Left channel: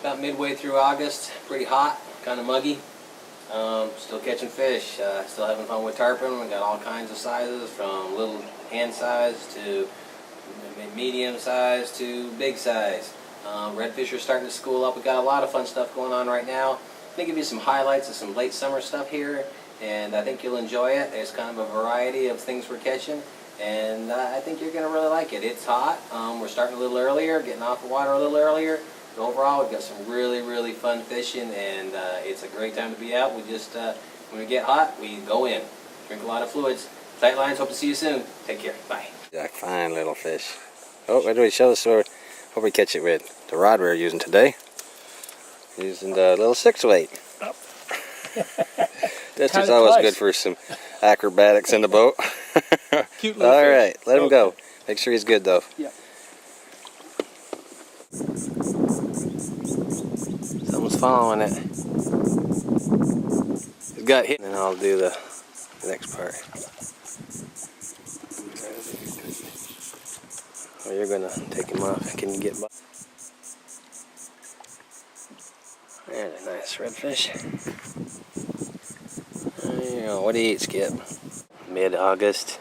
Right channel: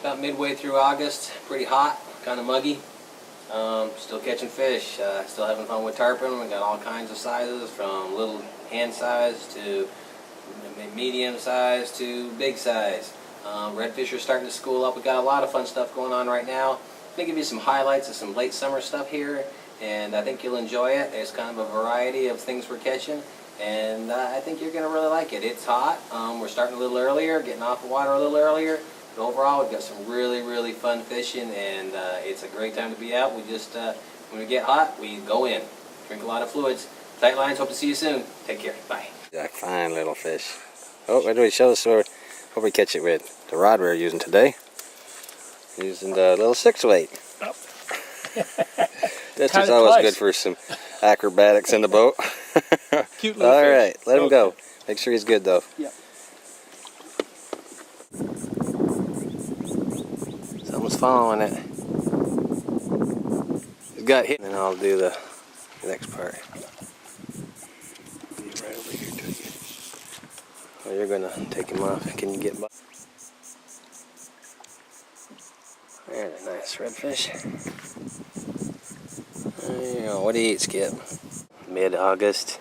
About midway through August, pretty hot, kind of muggy. Still catching fish, still having fun with tarpon. We got all kinds of sizes, from little hand size to medium size to big size. Redfish are starting to school up. We got a lot of fun stuff going on right now. I'm going to give you some highlights of some late summer stuff here, and I think you'll enjoy it. There's kind of a variety of things we're catching, and I think you're going to really like it. It's hot. We're starting a little earlier, getting off the water a little earlier. But overall, we've got some really fun fishing, and it's a great time to be out. We just, when we get hot, we go in, drink a lot of fluids. Tight lines, hope to see you soon. Take care, bye. Jack, fine little fish. Oh, where do we show us what we catch it with? The rod we're using today. Using the little 6-weight. Oh. This is always good for some acrobatics in the boat. Cute little All fish. right, let him go. Make sure he's good though. Yep. Someone's following it. He's got hit, and then I'll do the next part. Right over here to you. Oh, you're gonna take him off. Can you get by? There's a nice redfish. There you go. What do you eat, Skip? Mid-August.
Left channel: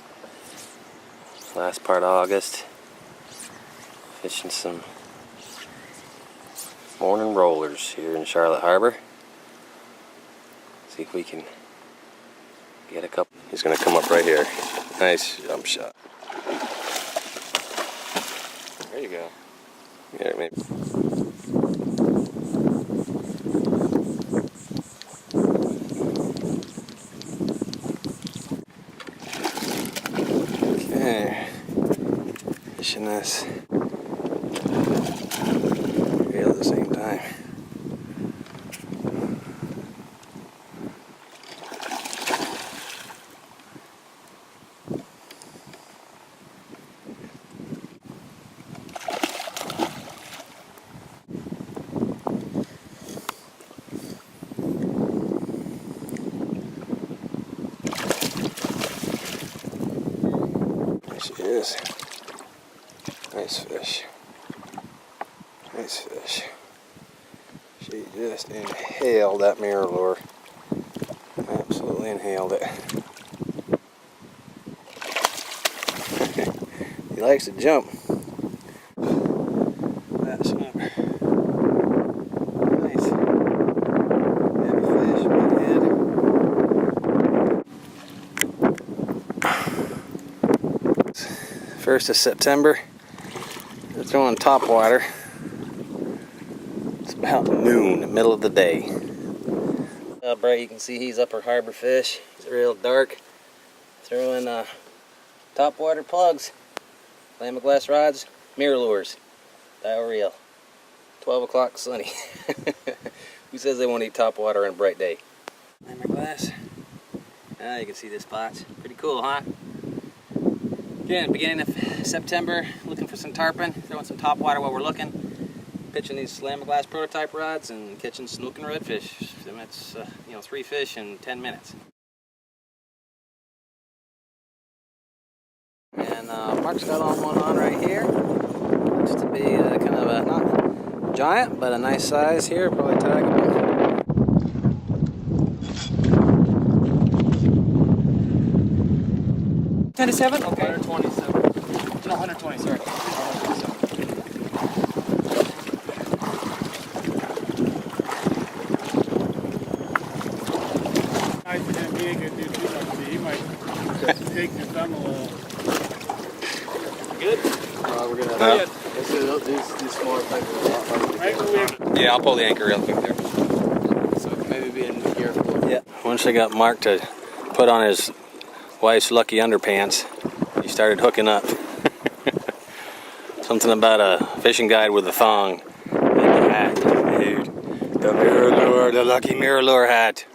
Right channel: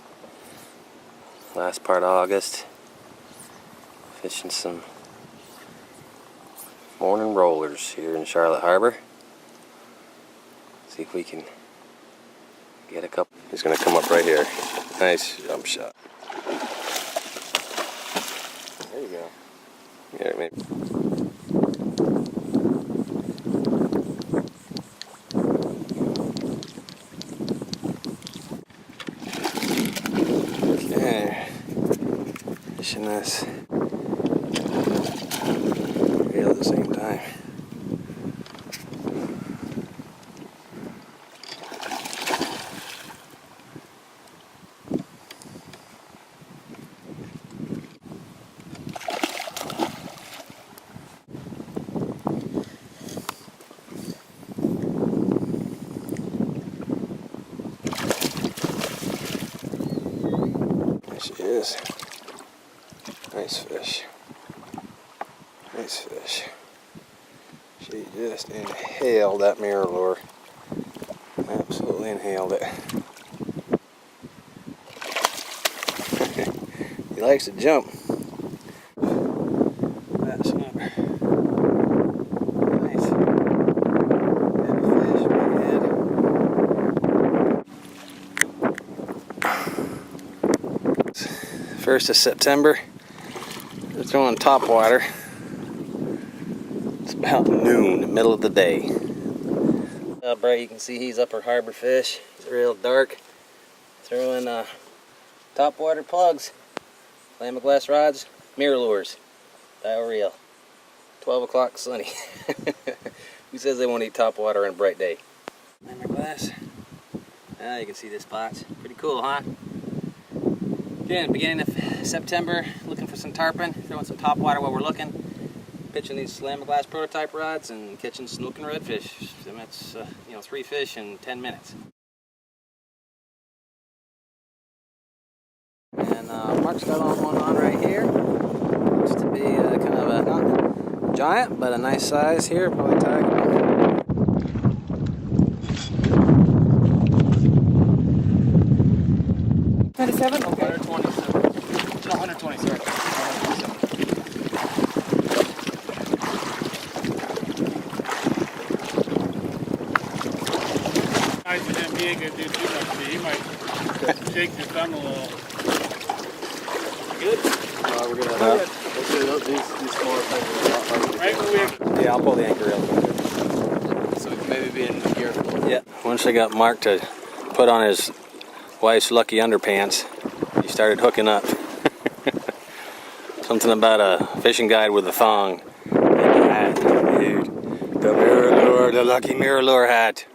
Last part of August. Fishing some morning rollers here in Charlotte Harbor. See if we can get a couple. He's gonna come up right here. Nice jump shot. There you go. Yeah, maybe. Okay. Fishing this. Reel at the same time. There she is. Nice fish. Nice fish. She just inhaled that mirror lure. Absolutely inhaled it. He likes to jump. That snook. Nice. Heavy fish, big head. First of September. We're throwing top water. It's about noon, middle of the day. Bright, you can see he's upper harbor fish. He's real dark. Throwing top water plugs, glass rods, mirror lures, dial reel. 12 o'clock sunny. Who says they won't eat top water on a bright day? Glass. You can see the spots. Pretty cool, huh? Again, beginning of September, looking for some tarpon, throwing some top water while we're looking. Pitching these glass prototype rods and catching snook and redfish. That's 3 fish in 10 minutes. And Mark's got one on right here. Looks to be kind of a, not giant, but a nice size here, probably taggable. Okay. 127? No, 120, sorry. 127. Nice for him. He ain't gonna do too much to me. He might shake his thumb a little. Good? We're gonna Let's do these smaller type of right? Yeah, I'll pull the anchor real quick there. So it can maybe be in gear for a little bit. Yeah. Once I got Mark to put on his wife's lucky underpants, he started hooking up. Something about a fishing guide with a thong and the hat, dude. The mirror lure, the lucky mirror lure hat.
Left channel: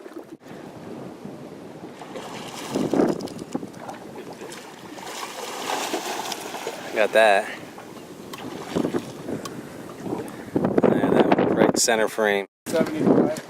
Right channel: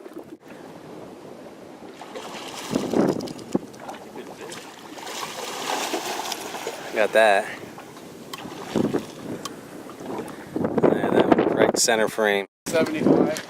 Got that. Yeah, that one right center frame. 75.